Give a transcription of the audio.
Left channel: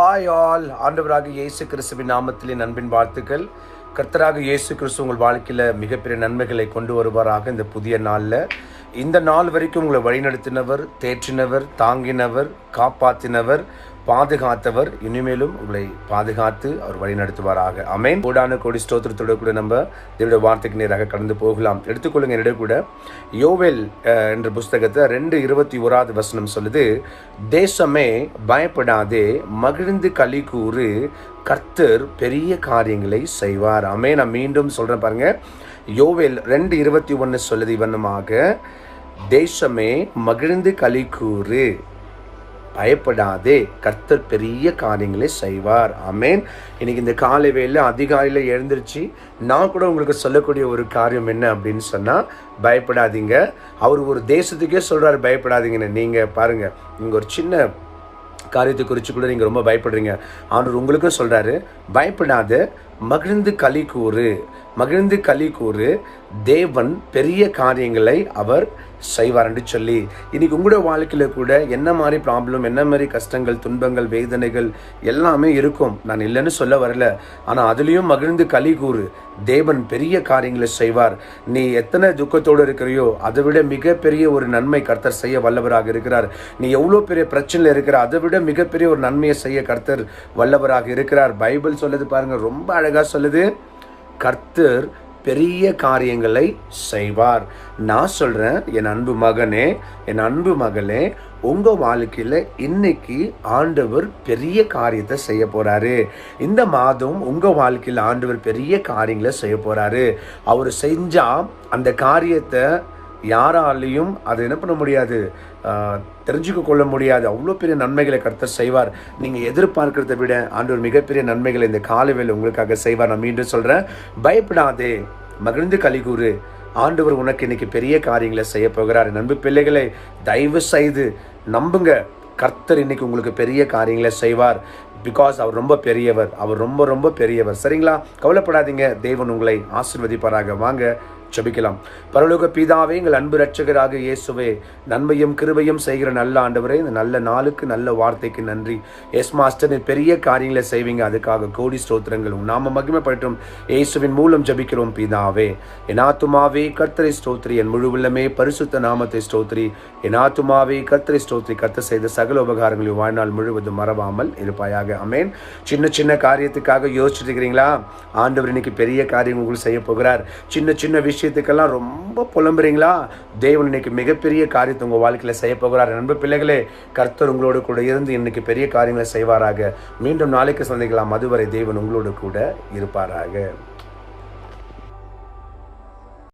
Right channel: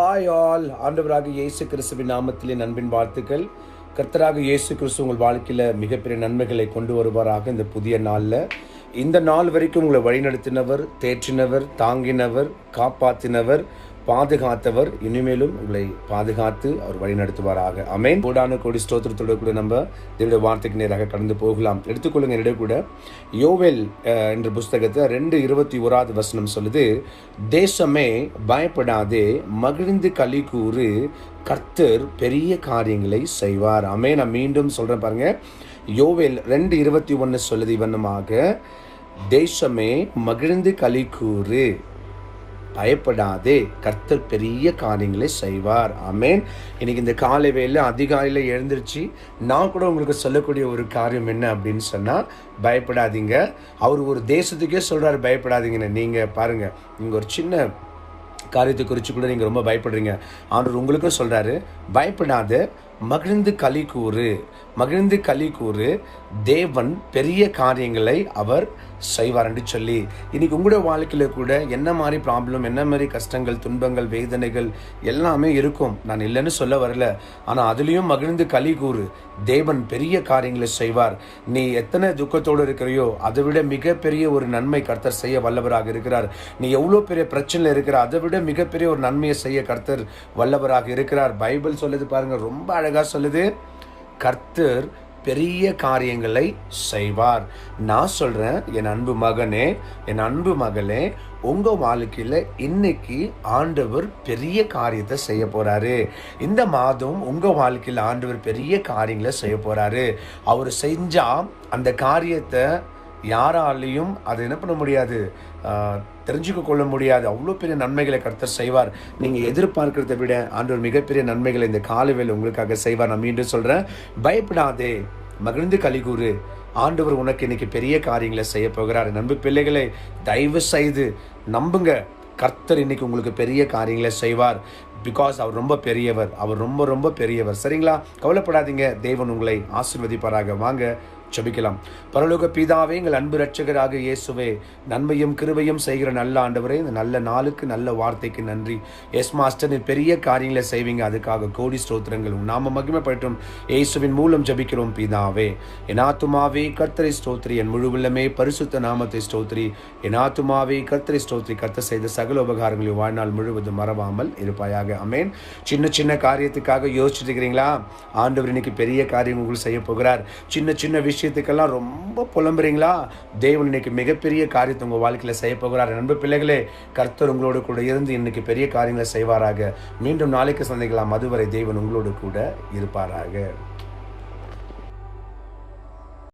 Hi all, ஆண்டவராக இயேசு கிறிஸ்துவின் நாமத்திலே அன்பின் வாழ்த்துக்கள். கர்த்தராக இயேசு கிறிஸ்து உங்கள் வாழ்க்கையில் மிகப்பெரிய நன்மைகளை கொண்டு வருவாராக. இந்த புதிய நாளில் இந்த நாள் வரைக்கும் உங்களை வழிநடத்தினவர், தேற்றினவர், தாங்கினவர், காப்பாற்றினவர், பாதுகாத்தவர், இனிமேலும் உங்களை பாதுகாத்து அவர் வழி நடத்துவாராக. ஆமென். கோடான கோடி ஸ்தோத்திரத்தோட கூட நம்ம தேவனுடைய வார்த்தைக்கு நேராக கடந்து போகலாம். எடுத்துக்கொள்ளுங்க. என்னிட கூட யோவேல் என்ற புஸ்தகத்தை 2:21 சொல்லுது, தேசமே பயப்படாதே, மகிழ்ந்து களி கூறு, கர்த்தர் பெரிய காரியங்களை செய்வார். ஆமென். நான் மீண்டும் சொல்றேன் பாருங்க. யோவேல் 2:21 சொல்லுது இவனமாக, தேசமே மகிழ்ந்து களி கூறு, பயப்படாதே, கர்த்தர் பெரிய காரியங்களை செய்வார். ஆமென். இன்னைக்கு இந்த காலை வேளையில அதிகாலையில எழுந்திருச்சு நான் கூட உங்களுக்கு சொல்லக்கூடிய ஒரு காரியம் என்ன அப்படின்னு சொன்னா, பயப்படாதீங்க. அவர் ஒரு தேசத்துக்கே சொல்றாரு பயப்படாதீங்கன்னு. நீங்க பாருங்க, நீங்க ஒரு சின்ன காரியத்தை குறித்து கூட நீங்க ரொம்ப பயப்படுறீங்க. ஆண்டவர் உங்களுக்கும் சொல்றாரு, பயப்படாத, மகிழ்ந்து களி கூறு, மகிழ்ந்து களி கூறு, தேவன் பெரிய காரியங்களை அவர் செய்வார் என்று சொல்லி. இன்னைக்கு உங்களோட வாழ்க்கையில கூட என்ன மாதிரி ப்ராப்ளம், என்ன மாதிரி கஷ்டங்கள், துன்பங்கள், வேதனைகள் எல்லாமே இருக்கும். நான் இல்லைன்னு சொல்ல வரல. ஆனா அதுலயும் மகிழ்ந்து களி கூறு, தேவன் பெரிய காரியங்களை செய்வார். நீ எத்தனை துக்கத்தோடு இருக்கிறியோ அதை விட மிகப்பெரிய ஒரு நன்மை கர்த்தர் செய்ய வல்லவராக இருக்கிறார். நீ எவ்வளவு பெரிய பிரச்சனையில இருக்கிற அதை விட மிகப்பெரிய ஒரு நன்மையை செய்ய கர்த்தர் வல்லவராக இருக்கிறார். பைபிள் சொல்லுது பாருங்க, ரொம்ப அழகா சொல்லுது, கர்த்தர் பெரிய காரியங்களை செய்வார். நான் சொல்றேன், என் அன்பு மகனே, என் அன்பு மகளே, உங்க வாழ்க்கையில இன்னைக்கு ஆண்டவர் பெரிய காரியத்தை செய்ய போறாரு. இந்த மாதம் உங்க வாழ்க்கையில ஆண்டவர் பெரிய காரியங்களை செய்ய போறாரு. அவர் செஞ்சா அந்த காரியத்தை யாராலையும் அதை என்ன பண்ண முடியாது, தெரிஞ்சுக்க கொள்ள முடியாது. அவ்வளோ பெரிய நன்மைகளை கர்த்தர் செய்வார். நீங்க எதிர்பார்க்கிறத விட ஆண்டவர் மிகப்பெரிய நன்மைகளை இந்த காலவேளை உங்களுக்காக செய்வார். நான் மீண்டும் சொல்றேன், பயப்படாதே, மகிழ்ந்து களி கூறு, ஆண்டவர் உனக்கு இன்னைக்கு பெரிய காரியங்களை செய்ய போகிறார். நண்பு பிள்ளைகளை தயவு செய்து நம்புங்க, கர்த்தர் இன்னைக்கு உங்களுக்கு பெரிய காரியங்களை செய்வார். பிகாஸ் அவர் ரொம்ப பெரியவர், அவர் ரொம்ப ரொம்ப பெரியவர். சரிங்களா? கவலைப்படாதீங்க, தேவன் உங்களை ஆசீர்வதிப்பாராக. வாங்க ஜெபிக்கலாம். பரலோக பிதாவே, எங்கள் அன்பு ரட்சகராக இயேசுவே, நன்மையும் கிருபையும் செய்கிற நல்ல ஆண்டவரே, இந்த நல்ல நாளுக்கு, நல்ல வார்த்தைக்கு நன்றி. எஸ் மாஸ்டர், பெரிய காரியங்களை செய்வீங்க, அதுக்காக கோடி ஸ்தோத்திரங்கள். நாம மகிமைப்படட்டும். இயேசுவின் மூலம் ஜெபிக்கிறோம் பிதாவே. என் ஆத்துமாவே கர்த்தரை ஸ்தோத்திரி, என் முழு உள்ளமே பரிசுத்த நாமத்தை ஸ்தோத்திரி. என் ஆத்துமாவே கர்த்தரை ஸ்தோத்திரி, கர்த்தர் செய்த சகல உபகாரங்களையும் வாழ்நாள் முழுவதும் மறவாமல் இருப்பாயாக. ஆமென். சின்ன சின்ன காரியத்துக்காக யோசிச்சுட்டு இருக்கிறீங்களா? ஆண்டவர் இன்னைக்கு பெரிய காரியம் உங்களுக்கு செய்ய போகிறார். சின்ன சின்ன விஷயத்துக்கெல்லாம் ரொம்ப புலம்புறீங்களா? தேவன் இன்னைக்கு மிகப்பெரிய காரியத்தை உங்க வாழ்க்கையில செய்ய போகிறார். நண்பு பிள்ளைகளே, கர்த்தர் உங்களோட கூட இருந்து இன்னைக்கு பெரிய காரியங்களை செய்வாராக. மீண்டும் நாளைக்கு சந்திக்கலாம். அதுவரை தேவன் உங்களோட கூட இருப்பாராக.